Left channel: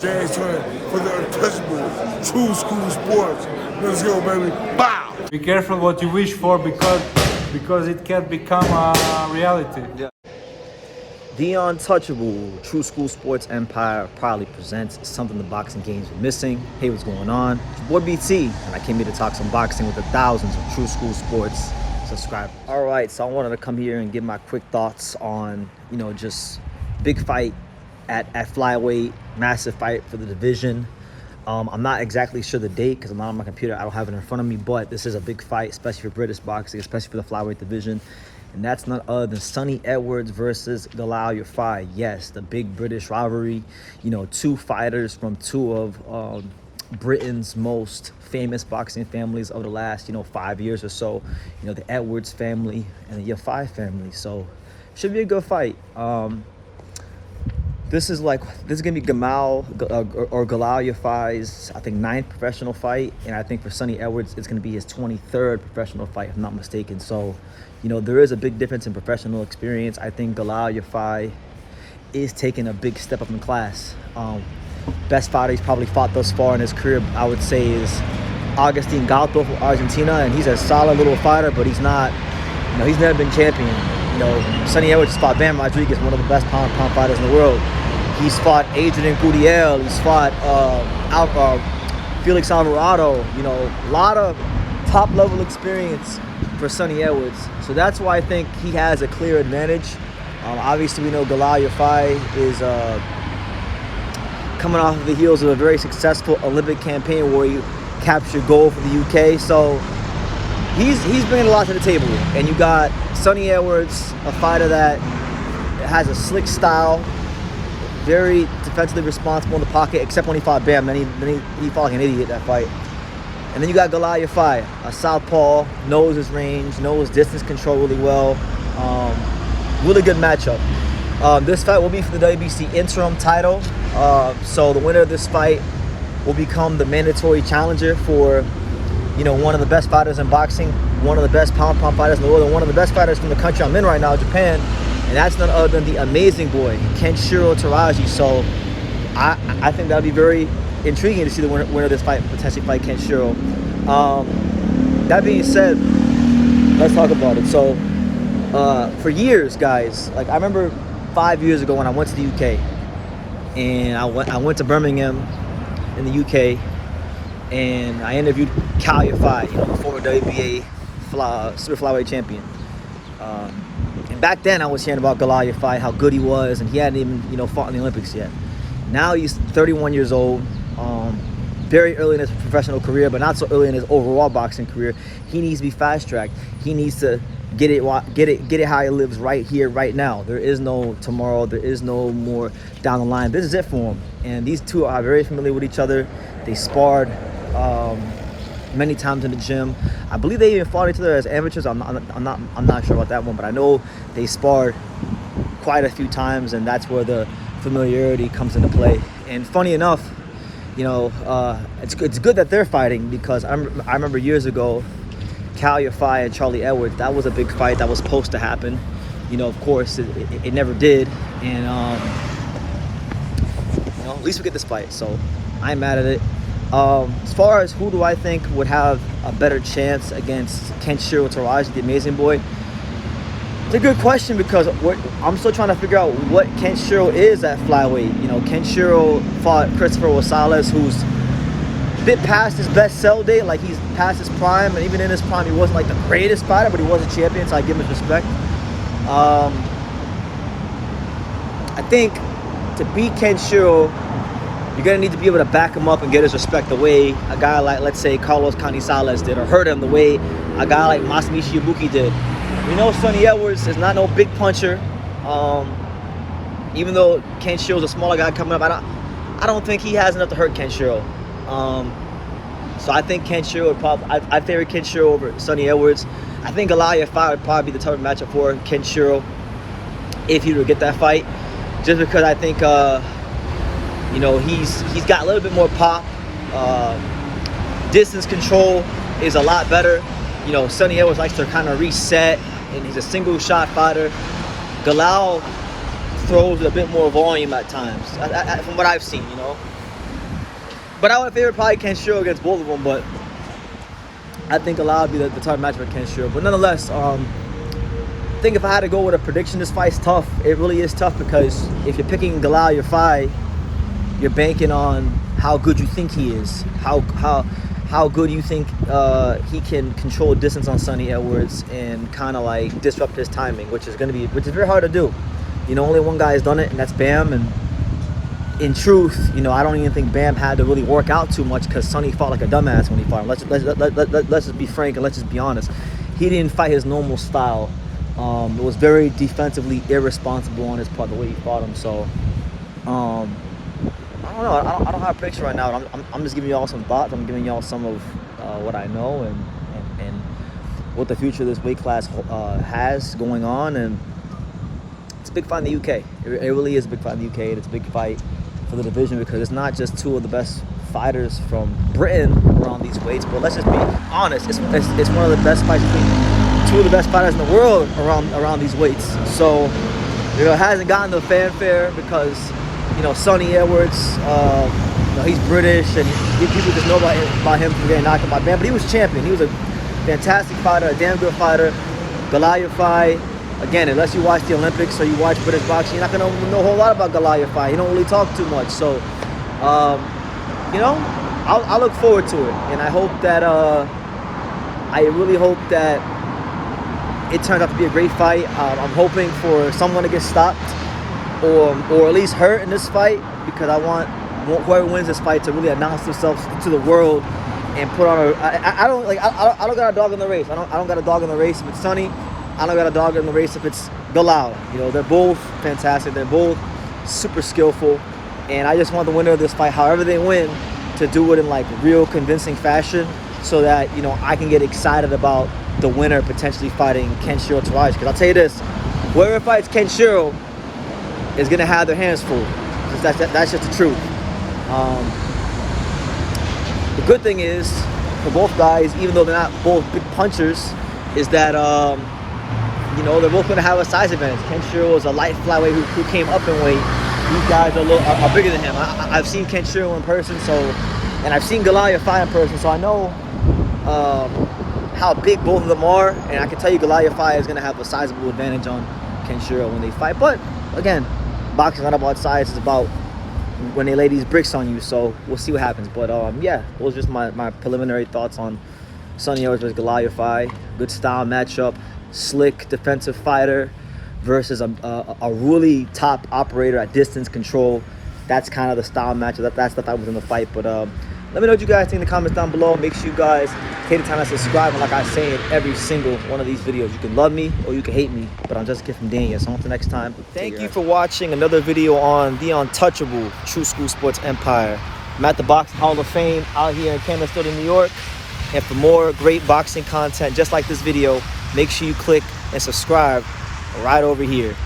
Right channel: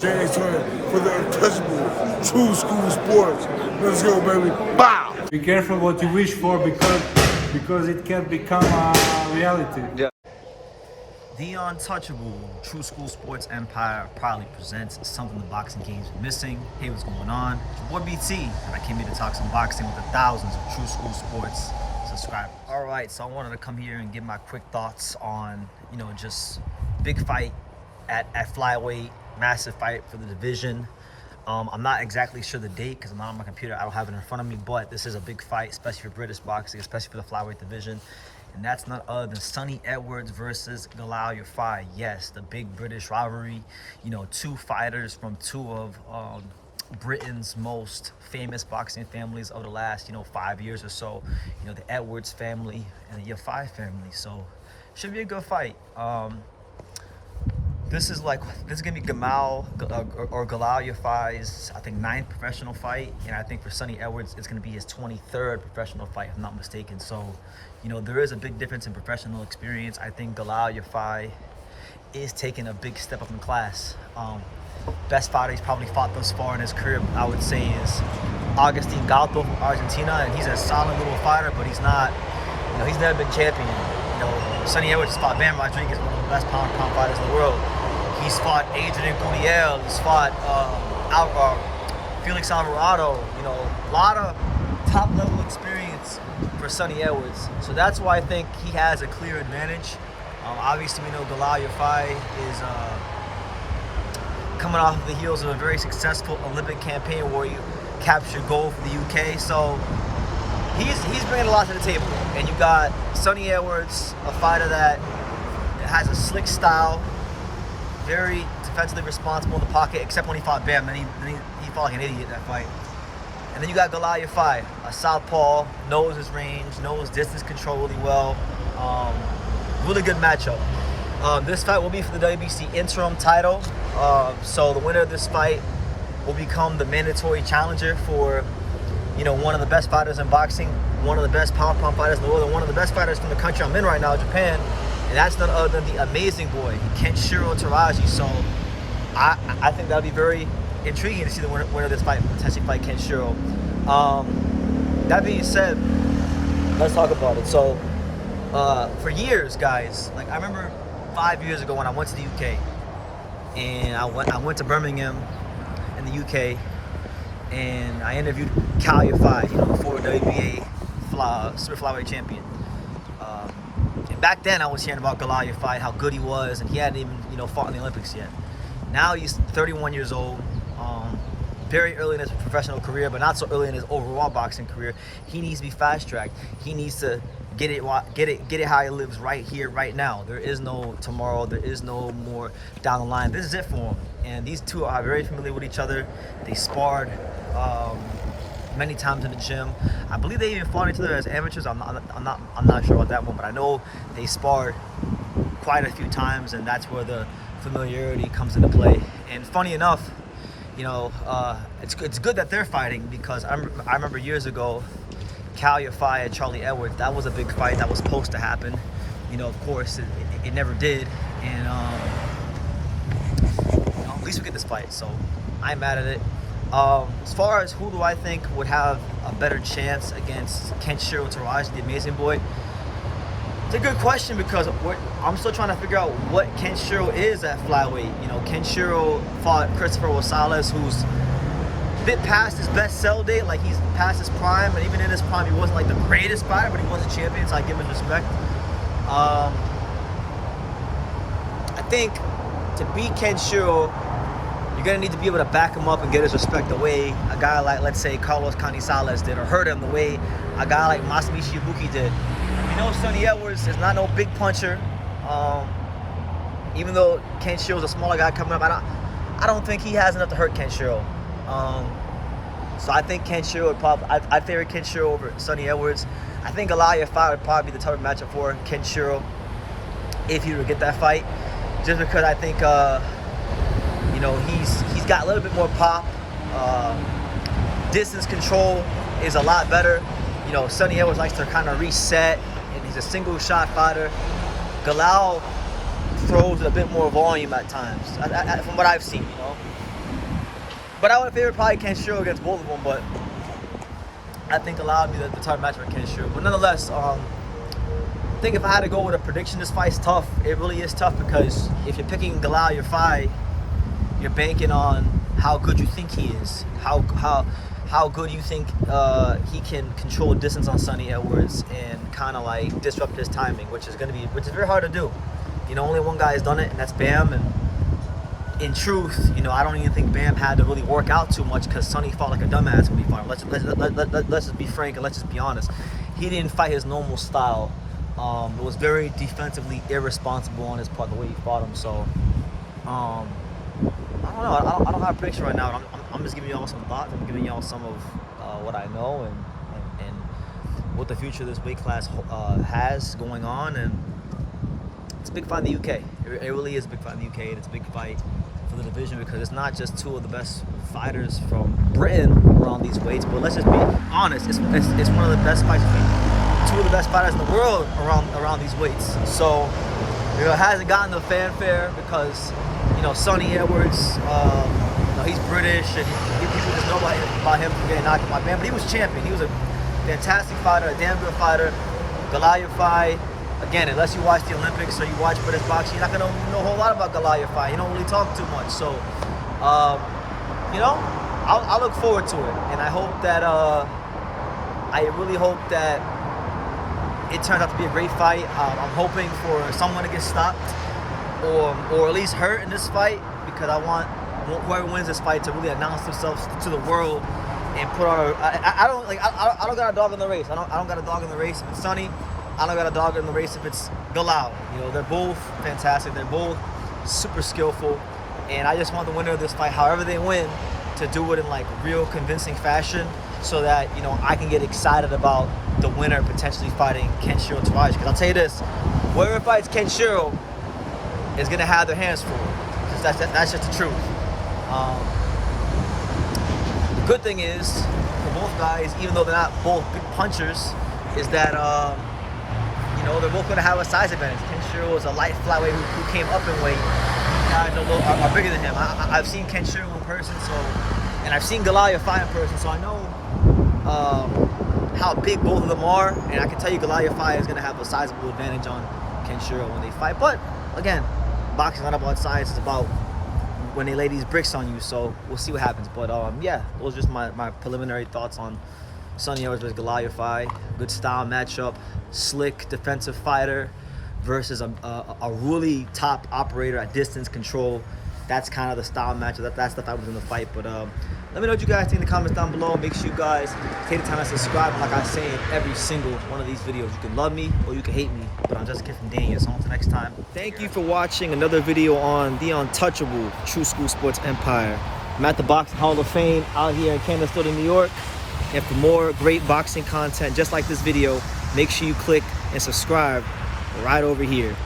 James Twin for the untouchable true school sports. Let's go, baby. Bow! Be careful what you wish for because it can become a reality. Yeah. The untouchable True School Sports Empire proudly presents something the boxing game's been missing. Hey, what's going on? It's your boy BT, and I came here to talk some boxing with the thousands of True School Sports subscribers. All right, so I wanted to come here and give my quick thoughts on, just big fight at flyweight, massive fight for the division. I'm not exactly sure the date because I'm not on my computer. I don't have it in front of me, but this is a big fight, especially for British boxing, especially for the flyweight division. And that's none other than Sonny Edwards versus Galal Yafai. Yes, the big British rivalry. Two fighters from two of Britain's most famous boxing families of the last, 5 years or so. The Edwards family and the Yafai family. So, should be a good fight. This is gonna be Galal Yafai's, I think, 9th professional fight, and I think for Sonny Edwards it's gonna be his 23rd professional fight, if I'm not mistaken. So, there is a big difference in professional experience. I think Galal Yafai is taking a big step up in class. Best fighter he's probably fought thus far in his career, I would say, is Agustin Galto from Argentina, and he's a solid little fighter, but he's not, he's never been champion. Sonny Edwards fought Bam Rodriguez, one of the best pound fighters in the world. He's fought Adrian Gutierrez. He's fought Felix Alvarado. A lot of top-level experience for Sonny Edwards. So that's why I think he has a clear advantage. Obviously, we know Galal Yafai is coming off of the heels of a very successful Olympic campaign where he captured gold for the UK. So he's bringing a lot to the table. And you got Sonny Edwards, a fighter that has a slick style, very defensively responsible in the pocket, except when he fought Bam. Then he fought like an idiot that fight. And then you got Galal Yafai, a southpaw, knows his range, knows distance control really well. Really good matchup. This fight will be for the WBC interim title. So the winner of this fight will become the mandatory challenger for, one of the best fighters in boxing, one of the best pound fighters in the world, and one of the best fighters from the country I'm in right now, Japan. And that's none other than the amazing boy, Kenshiro Teraji. So I think that would be very intriguing to see the winner of this fight potentially fight Kenshiro. That being said, let's talk about it. So for years, guys, I remember 5 years ago when I went to the UK, and I went to Birmingham in the UK, and I interviewed Cal Yafai, the former WBA super flyweight champion. And back then I was hearing about Galal Yafai, how good he was, and he hadn't even, fought in the Olympics yet. Now he's 31 years old, very early in his professional career, but not so early in his overall boxing career. He needs to be fast-tracked. He needs to get it how he lives right here, right now. There is no tomorrow. There is no more down the line. This is it for him. And these two are very familiar with each other. They sparred many times in the gym. I believe they even fought each other as amateurs. I'm not sure about that one, but I know they sparred quite a few times, and that's where the familiarity comes into play. And funny enough, it's good that they're fighting, because I remember years ago, Cal Yafai and Charlie Edwards, that was a big fight that was supposed to happen. Of course, it never did, and at least we get this fight, so I'm mad at it. As far as who do I think would have a better chance against Kenshiro Teraji, the amazing boy, it's a good question, because I'm still trying to figure out what Kenshiro is at flyweight. Kenshiro fought Christopher Rosales, who's a bit past his best sell date, he's past his prime, and even in his prime he wasn't the greatest fighter, but he was a champion, so I give him his respect. I think to beat Kenshiro, you're going to need to be able to back him up and get his respect the way a guy like, let's say, Carlos Canizales did, or hurt him the way a guy like Masamichi Ibuki did. Sonny Edwards is not no big puncher. Even though Kenshiro's a smaller guy coming up, I don't think he has enough to hurt Kenshiro. So I think Kenshiro would I favor Kenshiro over Sonny Edwards. I think Galal Yafai would probably be the tougher matchup for Kenshiro if he were to get that fight. Just because I think he's got a little bit more pop. Distance control is a lot better. Sonny Edwards likes to kind of reset, and he's a single shot fighter. Galal throws a bit more volume at times, from what I've seen. But I would favor probably Kenshiro against both of them. But I think Galal would be the type of match for Kenshiro. But nonetheless, I think if I had to go with a prediction, this fight's tough. It really is tough because if you're picking Galal Yafai, you're banking on how good you think he is, how good you think he can control distance on Sonny Edwards and kind of like disrupt his timing, which is very hard to do. You know, only one guy has done it, and that's Bam. And in truth, you know, I don't even think Bam had to really work out too much because Sonny fought like a dumbass when he fought him. Let's just be frank and let's just be honest. He didn't fight his normal style. It was very defensively irresponsible on his part, the way he fought him. So, I don't know. I don't have a prediction right now. I'm just giving y'all some thoughts. I'm giving y'all some of what I know and what the future of this weight class has going on. And it's a big fight in the UK. It really is a big fight in the UK. And it's a big fight for the division because it's not just two of the best fighters from Britain around these weights, but let's just be honest. It's one of the best fights between two of the best fighters in the world around these weights. So, you know, it hasn't gotten the fanfare because, you know, Sonny Edwards, you know, he's British and people just know about him from getting knocked out by Bam, but he was champion. He was a fantastic fighter, a damn good fighter. Galal Yafai, again, unless you watch the Olympics or you watch British boxing, you're not going to know a whole lot about Galal Yafai. He don't really talk too much. So, you know, I look forward to it. And I hope that, I really hope that it turns out to be a great fight. I'm hoping for someone to get stopped or at least hurt in this fight because I want whoever wins this fight to really announce themselves to the world and put on I don't got a dog in the race. I don't got a dog in the race if it's Sonny. I don't got a dog in the race if it's Galal. You know, they're both fantastic. They're both super skillful. And I just want the winner of this fight, however they win, to do it in like real convincing fashion so that, you know, I can get excited about the winner potentially fighting Kenshiro Taraji. Because I'll tell you this, whoever fights Kenshiro is going to have their hands full. That's just the truth. The good thing is, for both guys, even though they're not both big punchers, is that, you know, they're both going to have a size advantage. Kenshiro is a light flyweight who came up in weight. These guys are bigger than him. I've seen Kenshiro in person, and I've seen Galal Yafai in person, so I know how big both of them are, and I can tell you Galal Yafai is going to have a sizable advantage on Kenshiro when they fight. But again, boxing is not about size; it's about when they lay these bricks on you. So we'll see what happens. But yeah, those are just my preliminary thoughts on Sonny Edwards versus Galal Yafai. Good style matchup, slick defensive fighter versus a really top operator at distance control. That's kind of the style matchup. That's the fight within the fight. But let me know what you guys think in the comments down below. Make sure you guys take the time to subscribe. And like I say in every single one of these videos, you can love me or you can hate me. But I'm just a kid from Daniel. So until next time, thank you for watching another video on the untouchable True School Sports Empire. I'm at the Boxing Hall of Fame out here in Canastota, New York. And for more great boxing content just like this video, make sure you click and subscribe right over here.